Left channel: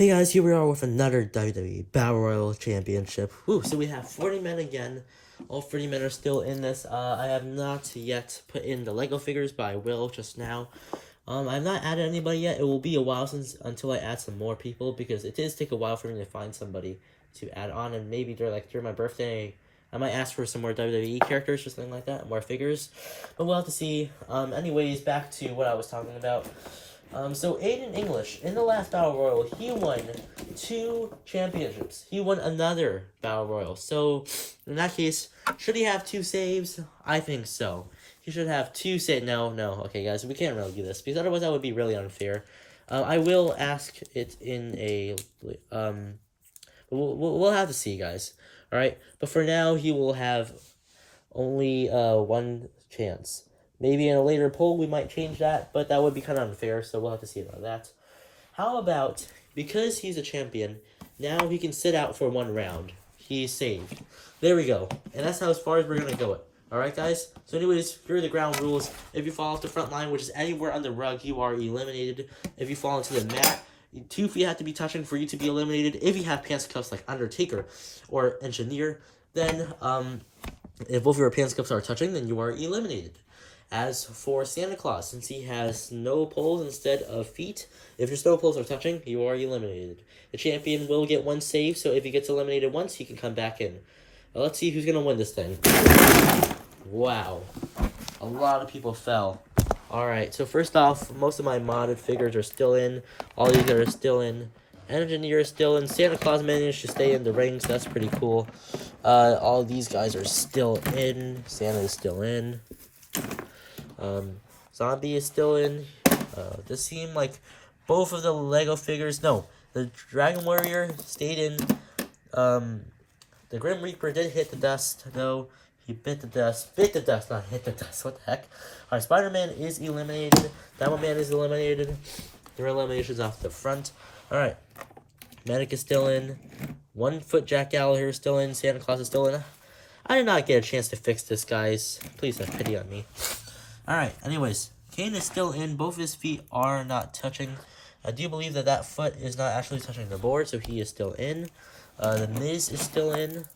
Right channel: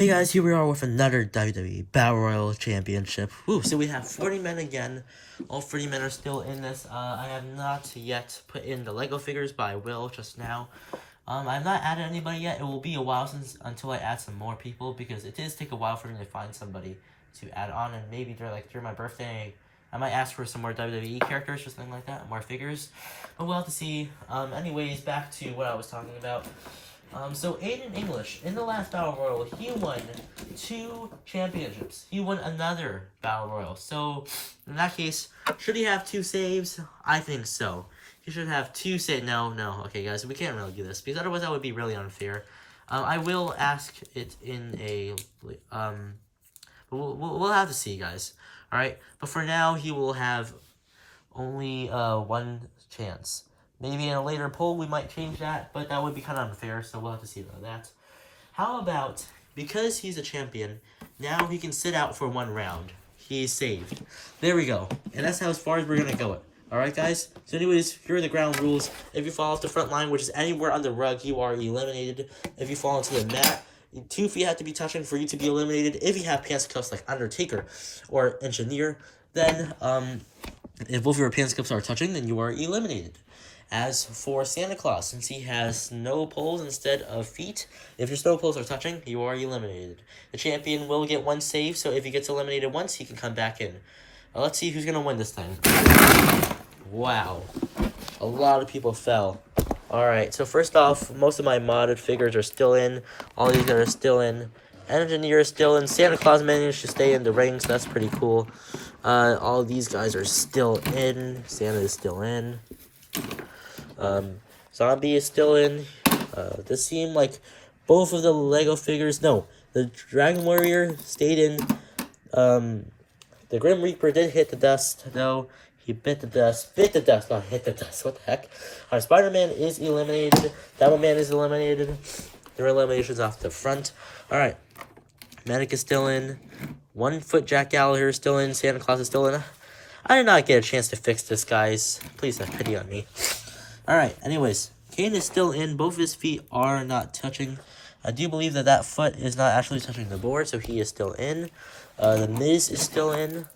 Hey guys, here we are with another WWE Battle Royal Championship. Woo, so we have 40 men again. All 40 men are still in this. I have not yet put in the Lego figures, but I will just now. I've not added anybody yet. It will be a while until I add some more people, because it does take a while for me to find somebody to add on, and maybe during my birthday, I might ask for some more WWE characters or something like that, more figures. But we'll have to see. Anyways, back to what I was talking about. So Aiden English, in the last Battle Royal, he won 2 championships. He won another Battle Royal. So, in that case, should he have 2 saves? I think so. He should have 2 saves. No. Okay, guys, we can't really do this, because otherwise that would be really unfair. I will ask it in a, we'll have to see, guys. Alright, but for now, he will have only 1 chance. Maybe in a later poll we might change that, but that would be kind of unfair, so we'll have to see about that. How about, because he's a champion, now he can sit out for 1 round. He is saved. There we go. And that's how as far as we're going to go it. Alright, guys? So anyways, here are the ground rules. If you fall off the front line, which is anywhere on the rug, you are eliminated. If you fall into the mat, 2 feet have to be touching for you to be eliminated. If you have pants cuffs like Undertaker or Engineer, then, if both of your pants cuffs are touching, then you are eliminated. As for Santa Claus, since he has snow poles instead of feet, if your snow poles are touching, you are eliminated. The champion will get 1 save, so if he gets eliminated once, he can come back in. Let's see who's going to win this thing. Wow. A lot of people fell. Alright, so first off, most of my modded figures are still in. All these are still in. Engineer is still in. Santa Claus managed to stay in the ring, so that's pretty cool. All these guys are still in. Santa is still in. Zombie is still in. This seemed like both of the Lego figures. No, the Dragon Warrior stayed in. The Grim Reaper did hit the dust, though. He bit the dust, not hit the dust. What the heck? Alright, Spider-Man is eliminated. Devil Man is eliminated. There are eliminations off the front. Alright, Medic is still in. 1 Foot Jack Gallagher is still in. Santa Claus is still in. I did not get a chance to fix this, guys. Please have pity on me. Alright, anyways, Kane is still in. Both his feet are not touching. I do believe that foot is not actually touching the board, so he is still in. The Miz is still in.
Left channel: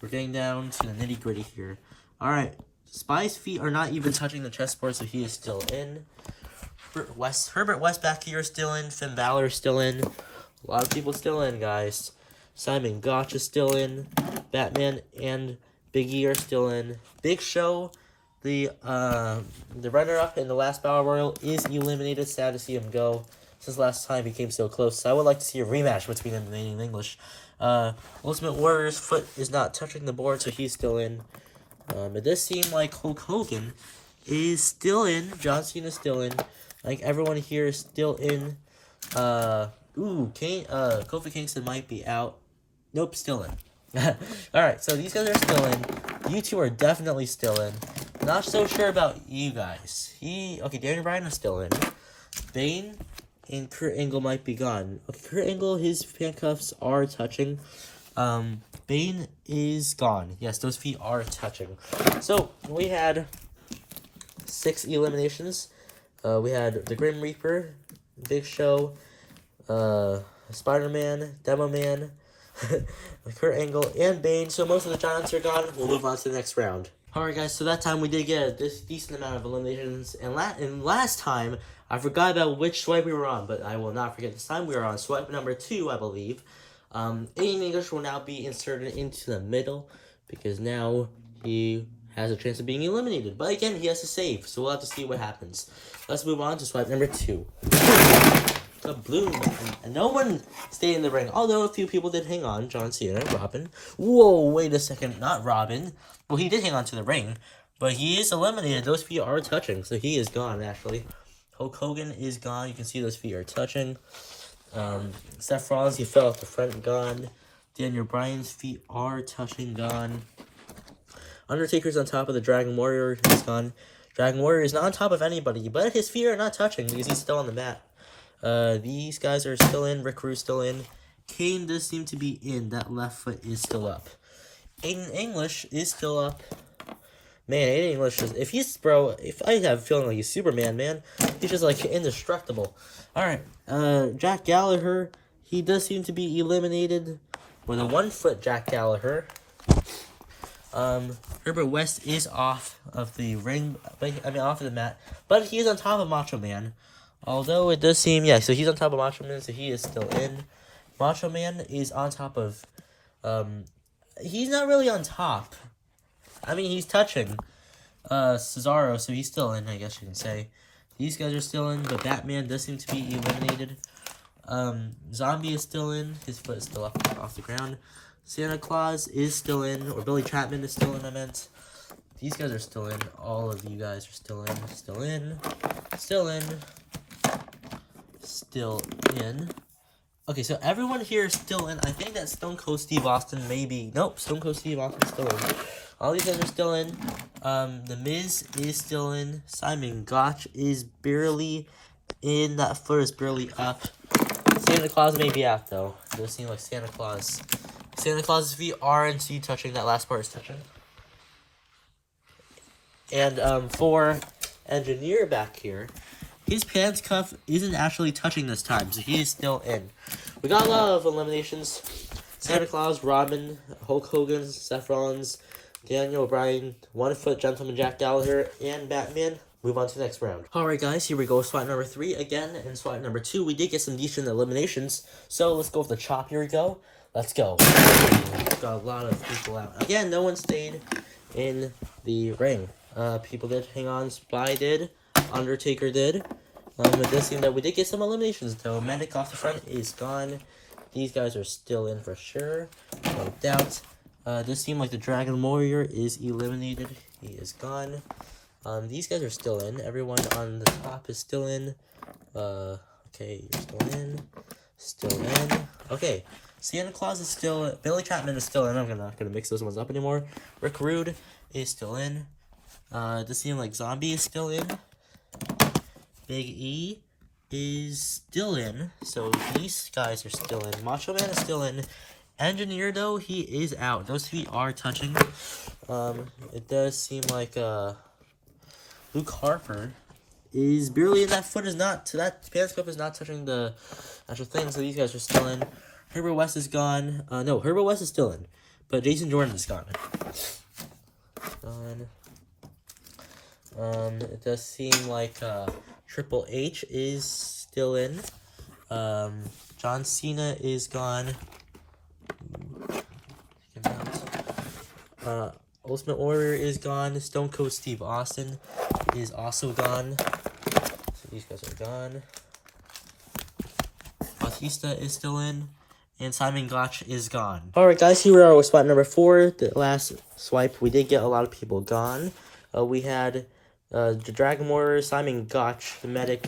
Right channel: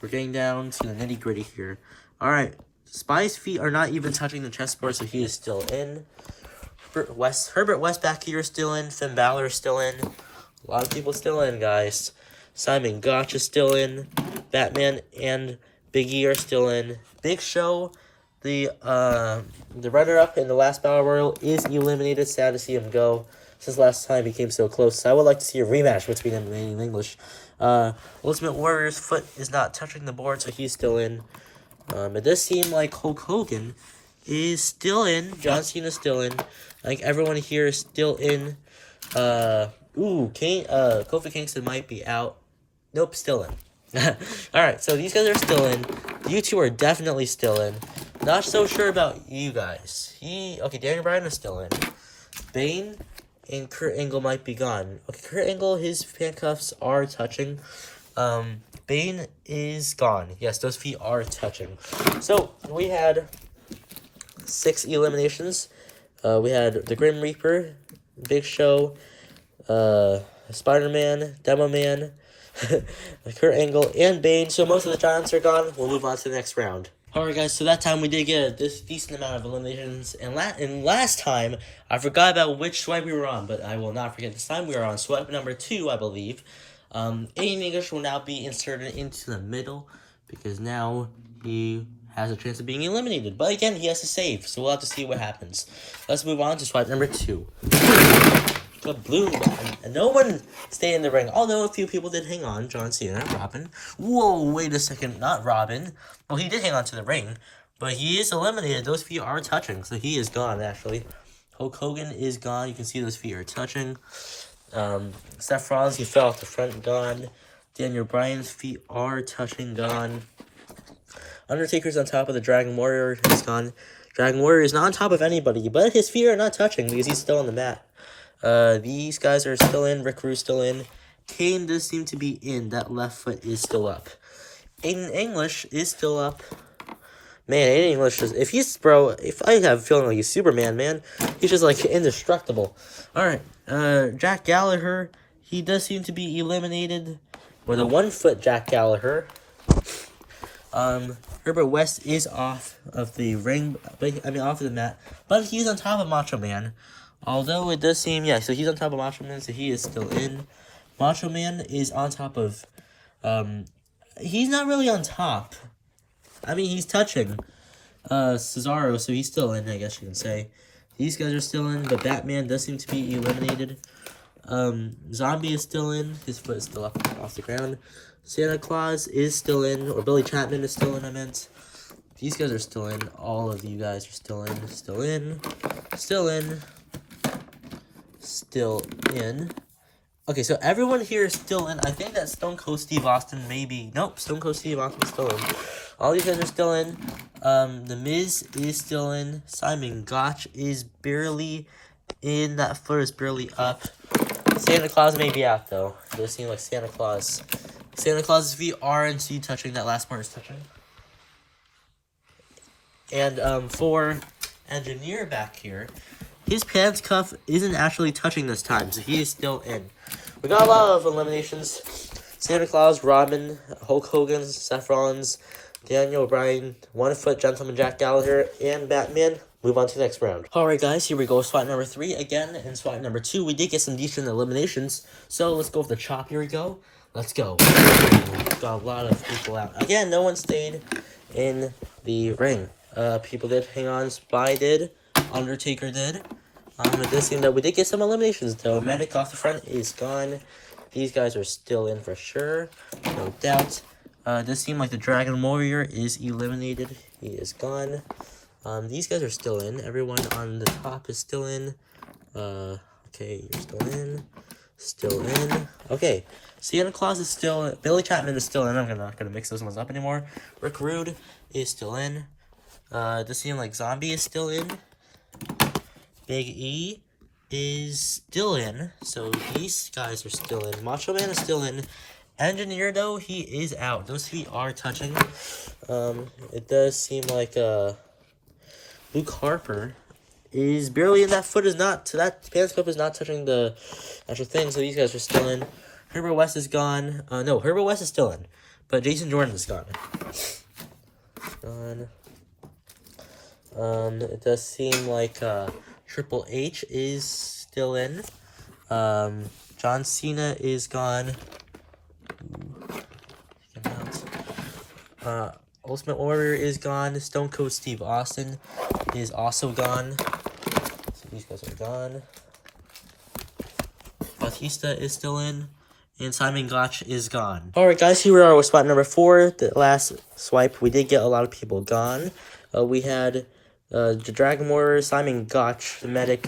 We're getting down to the nitty-gritty here. Alright, Spy's feet are not even touching the chessboard, so he is still in. Herbert West back here is still in. Finn Balor is still in. A lot of people still in, guys. Simon Gotch is still in. Batman and Big E are still in. Big Show, the runner-up in the last Battle Royal, is eliminated. Sad to see him go, since last time he came so close. So I would like to see a rematch between him and Aiden English. Ultimate Warrior's foot is not touching the board, so he's still in. It does seem like Hulk Hogan is still in. John Cena is still in. Like everyone here is still in. Kofi Kingston might be out. Nope, still in. Alright, so these guys are still in. You 2 are definitely still in. Not so sure about you guys. Daniel Bryan is still in. Bane and Kurt Angle might be gone. Okay, Kurt Angle, his handcuffs are touching. Bane is gone. Yes, those feet are touching. So, we had 6 eliminations. We had the Grim Reaper, Big Show, Spider-Man, Demo Man, Kurt Angle, and Bane. So most of the giants are gone. We'll move on to the next round. Alright, guys, so that time we did get a decent amount of eliminations. And last time, I forgot about which swipe we were on, but I will not forget this time. We are on swipe number 2, I believe. Aiden English will now be inserted into the middle, because now he has a chance of being eliminated. But again, he has to save, so we'll have to see what happens. Let's move on to swipe number 2. Kabloom, and no one stayed in the ring, although a few people did hang on. John Cena, Robin. Whoa, wait a second, not Robin. Well, he did hang on to the ring, but he is eliminated. Those feet are touching, so he is gone, actually. Hulk Hogan is gone. You can see those feet are touching. Seth Rollins, he fell off the front, gone. Daniel Bryan's feet are touching, gone. Undertaker's on top of the Dragon Warrior, he's gone. Dragon Warrior is not on top of anybody, but his feet are not touching because he's still on the mat. These guys are still in. Rick Rude's still in. Kane does seem to be in. That left foot is still up. Aiden English is still up. Man, Aiden English is, if I have a feeling like he's Superman, man, he's just like indestructible. Alright, Jack Gallagher, he does seem to be eliminated with a 1 foot Jack Gallagher. Herbert West is off of the ring, off of the mat, but he's on top of Macho Man. Although it does seem, so he's on top of Macho Man, so he is still in. Macho Man is on top of, he's not really on top. He's touching Cesaro, so he's still in, I guess you can say. These guys are still in, but Batman does seem to be eliminated. Zombie is still in. His foot is still up off the ground. Santa Claus is still in, or Billy Chapman is still in, I meant. These guys are still in. All of you guys are still in. Still in. Still in. Still in. Okay, so everyone here is still in. I think that Stone Cold Steve Austin maybe. Nope, Stone Cold Steve Austin is still in. All these guys are still in. The Miz is still in. Simon Gotch is barely in. That foot is barely up. Santa Claus may be out, though. It does seem like Santa Claus is RNC touching. That last part is touching. And for Engineer back here, his pants cuff isn't actually touching this time, so he is still in. We got a lot of eliminations. Santa Claus, Robin, Hulk Hogan, Seth Rollins, Daniel Bryan, 1 foot Gentleman Jack Gallagher, and Batman. Move on to the next round. Alright guys, here we go. Spot number 3 again. In spot number 2, we did get some decent eliminations. So let's go with the chop. Here we go. Let's go. Got a lot of people out. Again, no one stayed in the ring. People did hang on. Spy did. Undertaker did. It does seem that we did get some eliminations though. Medic off the front is gone. These guys are still in for sure. No doubt. It does seem like the Dragon Warrior is eliminated. He is gone. These guys are still in. Everyone on the top is still in. Okay, you're still in. Still in. Okay, Santa Claus is still in. Billy Chapman is still in. I'm not gonna mix those ones up anymore. Rick Rude is still in. It does seem like Zombie is still in. Big E is still in. So these guys are still in. Macho Man is still in. Engineer, though, he is out. Those feet are touching. It does seem like, Luke Harper is barely in. That foot is not, that pants cup is not touching the actual thing, so these guys are still in. Herbert West is gone. No, Herbert West is still in, but Jason Jordan is gone. It does seem like, Triple H is still in. John Cena is gone. Ultimate Warrior is gone. Stone Cold Steve Austin is also gone. So these guys are gone. Batista is still in. And Simon Gotch is gone. Alright guys, here we are with spot number 4. The last swipe, we did get a lot of people gone. We had the Dragon Warrior, Simon Gotch, the Medic,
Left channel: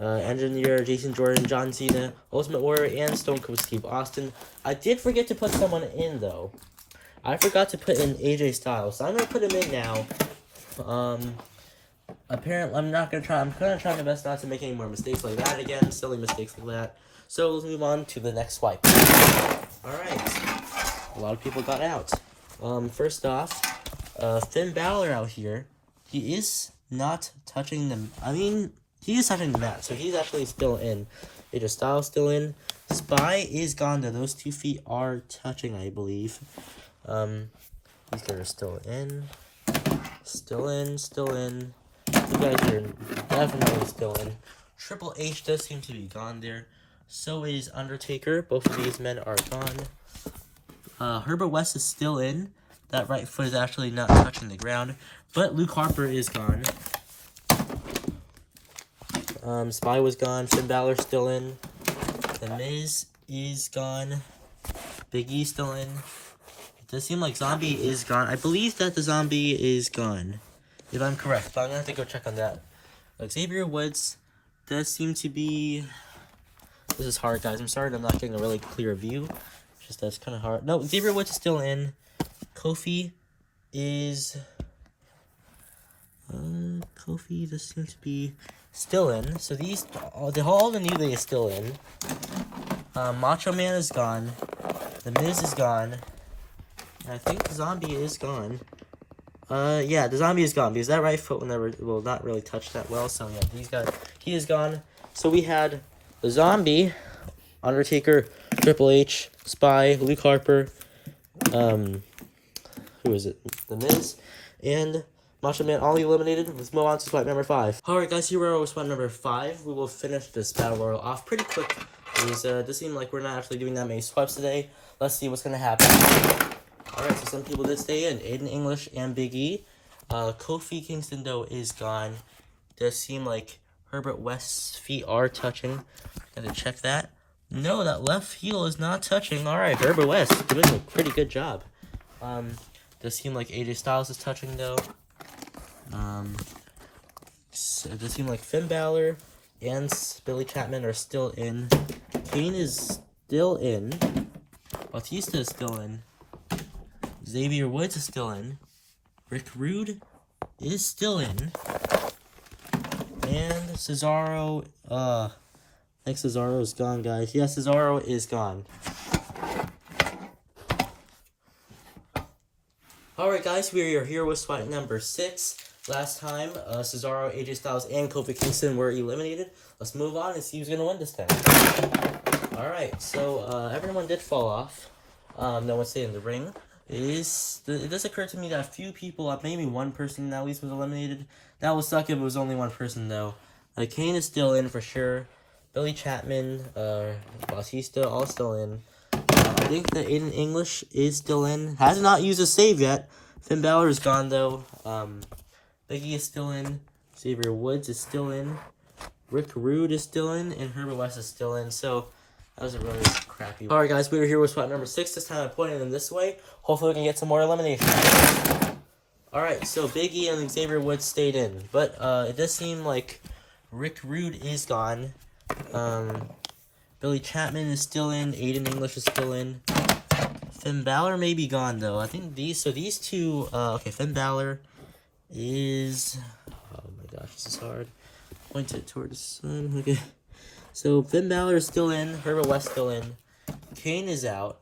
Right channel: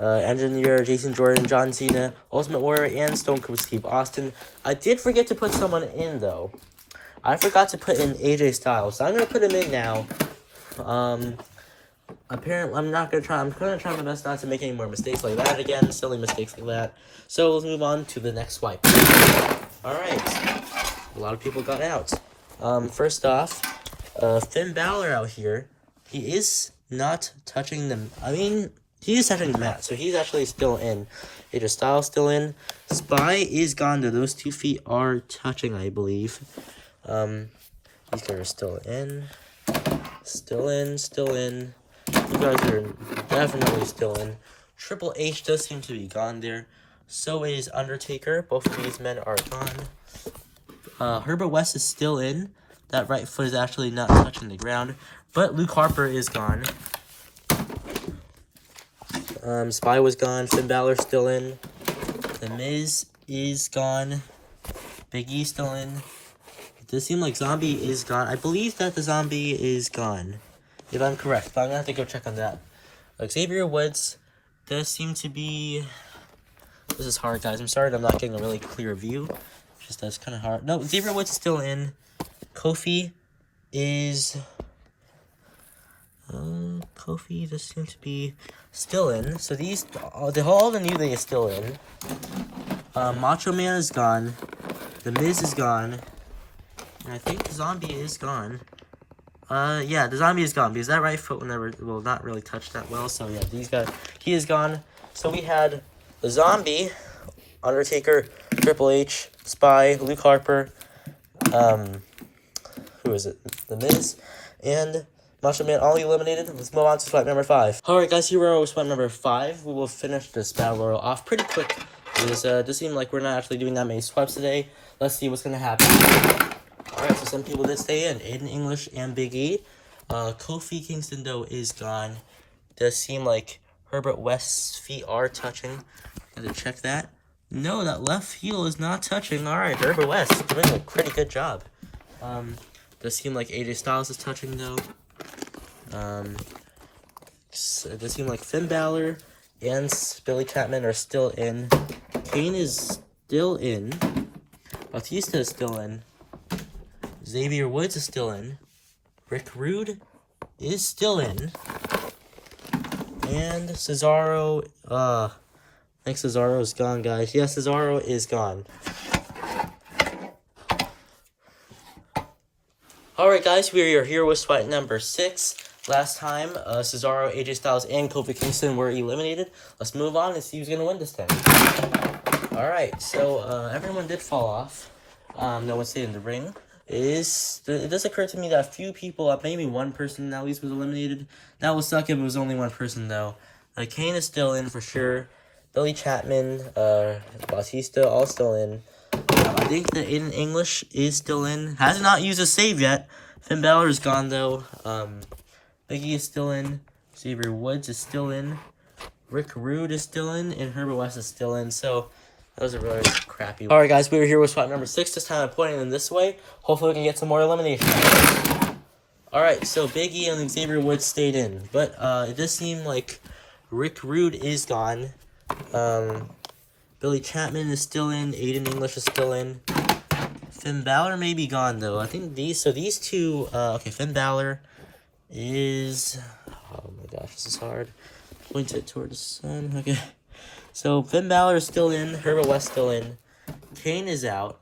Engineer, Jason Jordan, John Cena, Ultimate Warrior, and Stone Cold Steve Austin. I did forget to put someone in, though. I forgot to put in AJ Styles, so I'm going to put him in now. Apparently, I'm going to try my best not to make any more mistakes like that again, silly mistakes like that. So, let's move on to the next swipe. Alright, a lot of people got out. First off, Finn Balor out here, he is not touching them. He is touching the mat, so he's actually still in. AJ Styles still in. Spy is gone, though. Those 2 feet are touching, I believe. These guys are still in. Still in. You guys are definitely still in. Triple H does seem to be gone there. So is Undertaker. Both of these men are gone. Herbert West is still in. That right foot is actually not touching the ground. But Luke Harper is gone. Spy was gone. Finn Balor still in. The Miz is gone. Big E still in. It does seem like Zombie is gone. I believe that the Zombie is gone, if I'm correct, but I'm gonna have to go check on that. Xavier Woods does seem to be... This is hard, guys. I'm sorry that I'm not getting a really clear view. Just that's kind of hard. No, Xavier Woods is still in. Kofi is... Kofi does seem to be still in. So these... all the New Day is still in. Macho Man is gone. The Miz is gone. And I think Zombie is gone. Yeah, the zombie is gone because that right foot will never, will not really touch that well. So yeah, he is gone. So we had the zombie, Undertaker, Triple H, Spy, Luke Harper, who is it? The Miz, and Macho Man all eliminated. Let's move on to swipe number 5. Alright guys, here we are with swipe number 5. We will finish this battle royal off pretty quick. Because it does seem like we're not actually doing that many swipes today. Let's see what's gonna happen. Alright, so some people did stay in. Aiden English and Big E. Kofi Kingston though is gone. Does seem like Herbert West's feet are touching. Gotta check that. No, that left heel is not touching. Alright, Herbert West doing a pretty good job. Does seem like AJ Styles is touching though. It does seem like Finn Balor and Billy Chapman are still in. Kane is still in. Batista is still in. Xavier Woods is still in. Rick Rude is still in. And Cesaro, I think Cesaro is gone, guys. Yes, Cesaro is gone. Alright, guys, we are here with swipe number 6. Last time, Cesaro, AJ Styles, and Kofi Kingston were eliminated. Let's move on and see who's going to win this thing. Alright, so everyone did fall off. No one stayed in the ring. It does occur to me that a few people, maybe one person at least was eliminated. That would suck if it was only one person, though. Kane is still in for sure. Billy Chapman, Batista, all still in. I think that Aiden English is still in. Has not used a save yet. Finn Balor is gone, though. Becky is still in. Xavier Woods is still in. Rick Rude is still in. And Herbert West is still in. So, that was a really crappy one. Alright, guys, we were here with spot number 6. This time I'm pointing them this way. Hopefully we can get some more eliminations. Alright, so Big E and Xavier Woods stayed in. But it does seem like Rick Rude is gone. Billy Chapman is still in. Aiden English is still in. Finn Balor may be gone, though. I think these two, okay, Finn Balor is, oh my gosh, this is hard. Point it toward the sun, okay. So, Finn Balor is still in. Herbert West still in. Kane is out.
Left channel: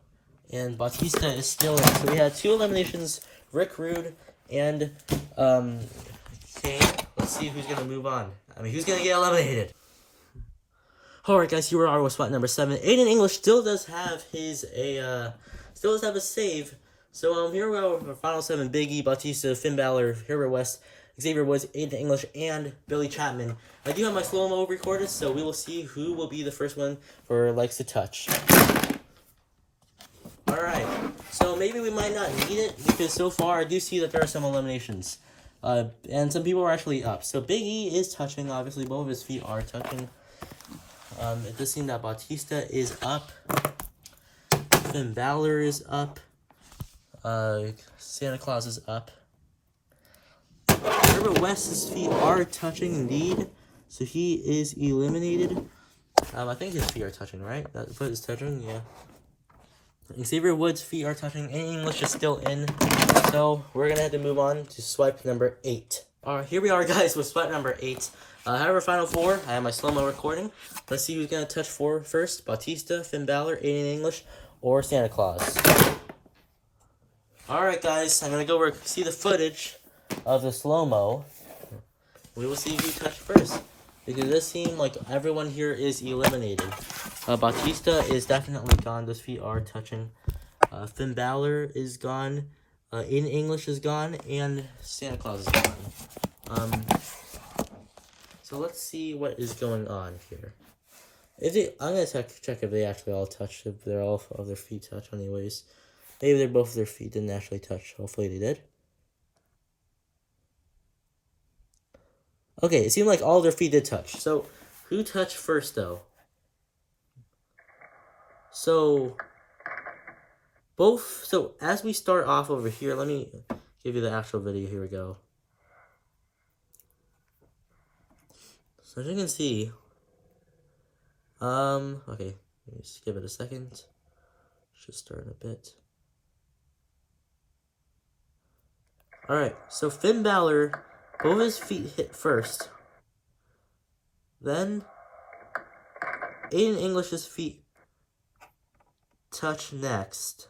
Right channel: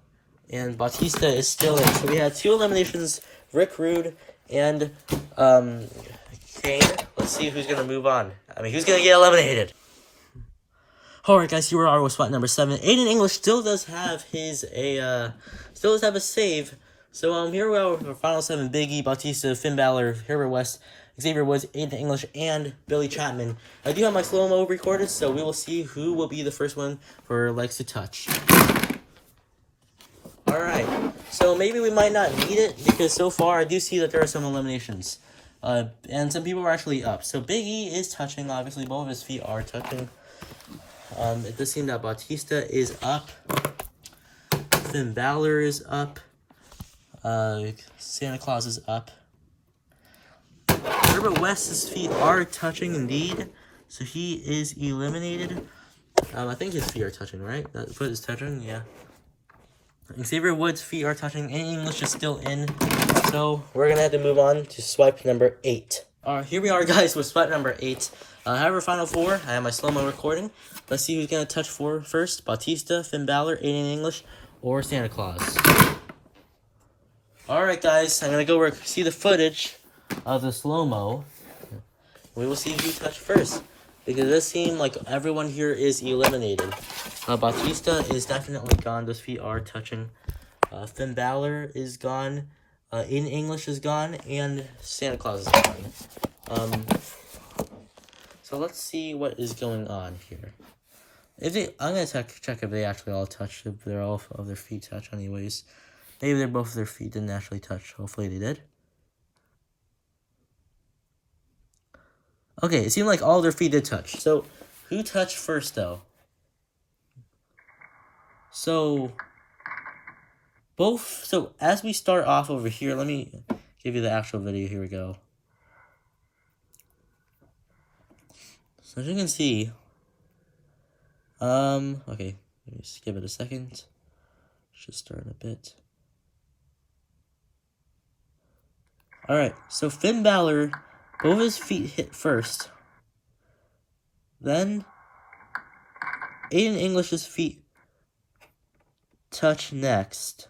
And Batista is still in. So, we had 2 eliminations, Rick Rude and, Kane. Let's see who's going to move on. I mean, who's going to get eliminated? Alright, guys, here we are with spot number 7. Aiden English still does have a save. So, here we are with our final 7. Big E, Batista, Finn Balor, Herbert West, Xavier Woods, Aiden English, and Billy Chapman. I do have my slow-mo recorded, so we will see who will be the first one for Legs to Touch. Alright, so maybe we might not need it, because so far I do see that there are some eliminations. And some people are actually up. So, Big E is touching, obviously, both of his feet are touching. It does seem that Batista is up. Finn Balor is up. Santa Claus is up. Herbert West's feet are touching indeed. So he is eliminated. I think his feet are touching, right? That foot is touching, yeah. Xavier Woods' feet are touching, and English is still in. So we're going to have to move on to swipe number 8. Alright, here we are, guys, with swipe number 8. I have our final 4. I have my slow-mo recording. Let's see who's going to touch 4 first. Batista, Finn Balor, Aiden English, or Santa Claus. Alright, guys. I'm going to go see the footage of the slow-mo. We will see who touched first. Because it does seem like everyone here is eliminated. Batista is definitely gone. Those feet are touching. Finn Balor is gone. Aiden English is gone. And Santa Claus is gone. So let's see what is going on here. I'm gonna check if they actually all touched. If they're all of their feet touch, anyways. Maybe both of their feet didn't actually touch. Hopefully they did. Okay, it seemed like all their feet did touch. So who touched first, though? So as we start off over here, let me give you the actual video. Here we go. So as you can see, okay, let me just give it a second. Should start in a bit. Alright, so Finn Balor, both of his feet hit first. Then, Aiden English's feet touch next.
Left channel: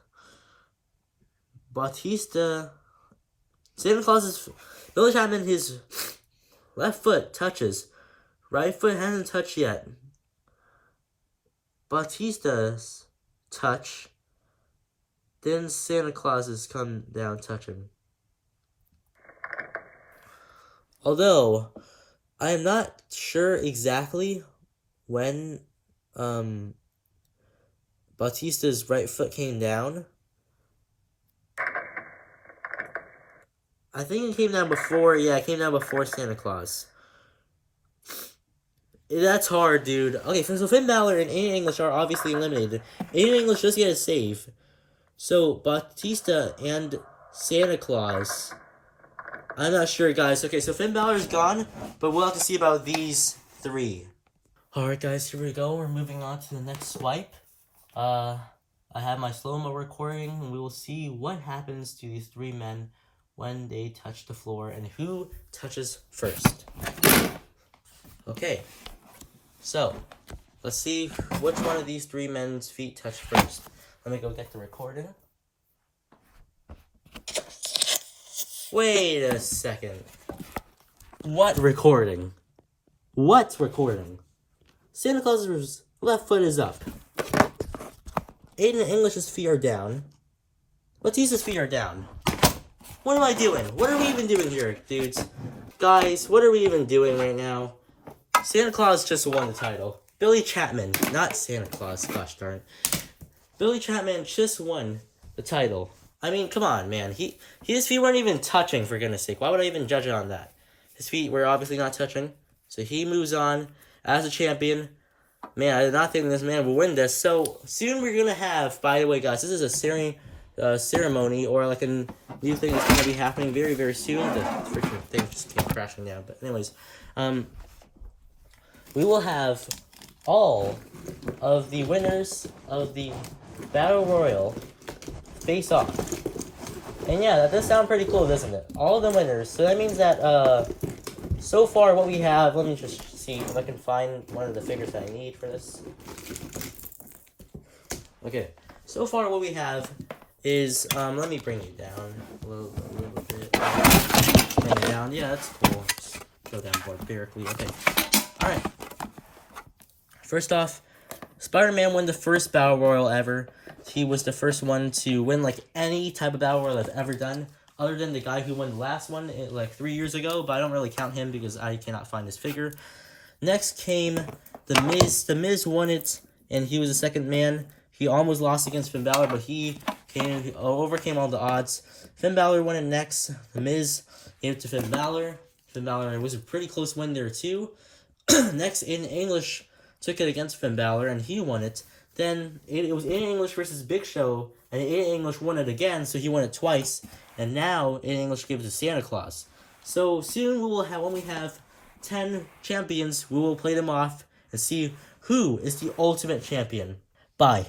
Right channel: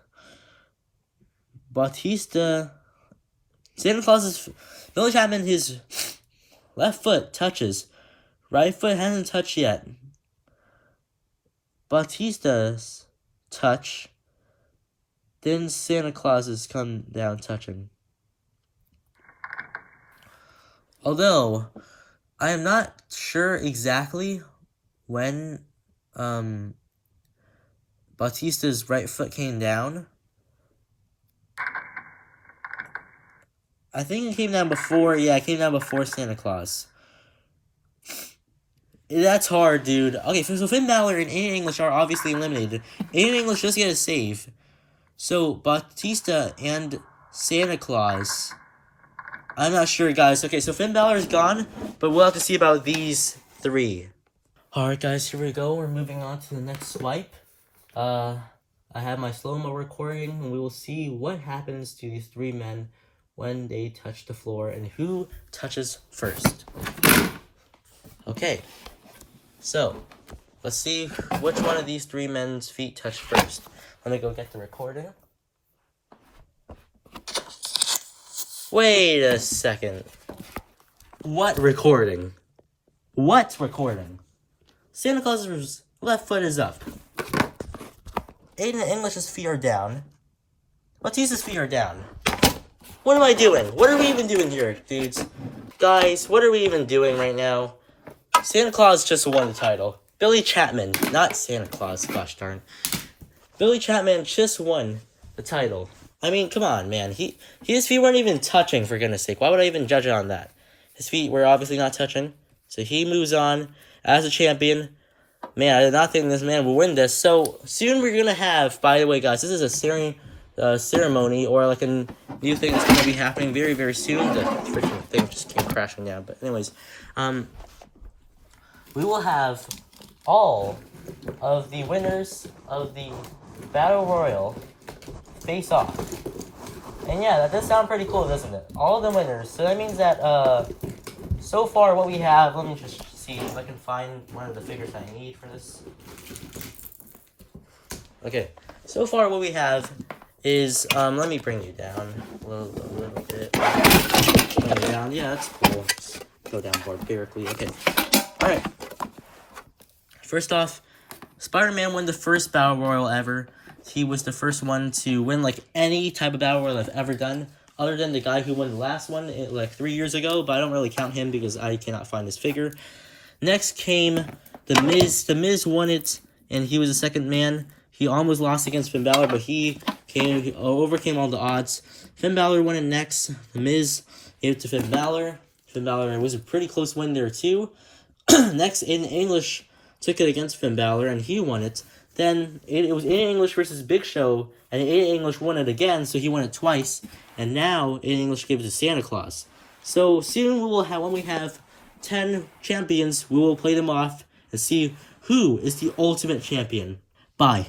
Batista Santa Claus's Billy Chapman, his left foot touches. Right foot hasn't touched yet. Batista's touch. Then Santa Claus's come down touching. Although, I am not sure exactly when Batista's right foot came down. I think it came down before, it came down before Santa Claus. That's hard, dude. Okay, so Finn Balor and Aiden English are obviously eliminated. Aiden English just get a save. So, Batista and Santa Claus. I'm not sure, guys. Okay, so Finn Balor is gone, but we'll have to see about these three. Alright, guys, here we go. We're moving on to the next swipe. I have my slow-mo recording, and we will see what happens to these three men when they touch the floor and who touches first. Okay, so let's see which one of these three men's feet touch first. Let me go get the recording. Wait a second. What recording? What recording? Santa Claus's left foot is up. Aiden English's feet are down. Batista's feet are down. What am I doing? What are we even doing here, dudes? Guys, what are we even doing right now? Santa Claus just won the title. Billy Chapman, not Santa Claus, gosh darn. Billy Chapman just won the title. I mean, come on, man. His feet weren't even touching, for goodness sake. Why would I even judge it on that? His feet were obviously not touching. So he moves on as a champion. Man, I did not think this man would win this. So soon we're going to have, by the way, guys, this is a ceremony or like a new thing that's going to be happening very, very soon. The freaking thing just came crashing down. But anyways, we will have all of the winners of the Battle Royal face off. And yeah, that does sound pretty cool, doesn't it? All the winners. So that means that, so far what we have, let me just see if I can find one of the figures that I need for this. Okay, so far what we have is, let me bring you down a little bit. Down. Yeah, that's cool. Just go down barbarically. Okay, alright. First off, Spider-Man won the first Battle Royal ever. He was the first one to win, like, any type of Battle Royal I've ever done, other than the guy who won the last one, like, 3 years ago, but I don't really count him because I cannot find his figure. Next came The Miz. The Miz won it, and he was the second man. He almost lost against Finn Balor, but he overcame all the odds. Finn Balor won it next. The Miz gave it to Finn Balor. Finn Balor was a pretty close win there, too. Next, Aiden English took it against Finn Balor, and he won it. Then it was Aiden English versus Big Show, and Aiden English won it again, so he won it twice. And now Aiden English gave it to Santa Claus. So soon we will have, when we have 10 champions, we will play them off and see who is the ultimate champion. Bye.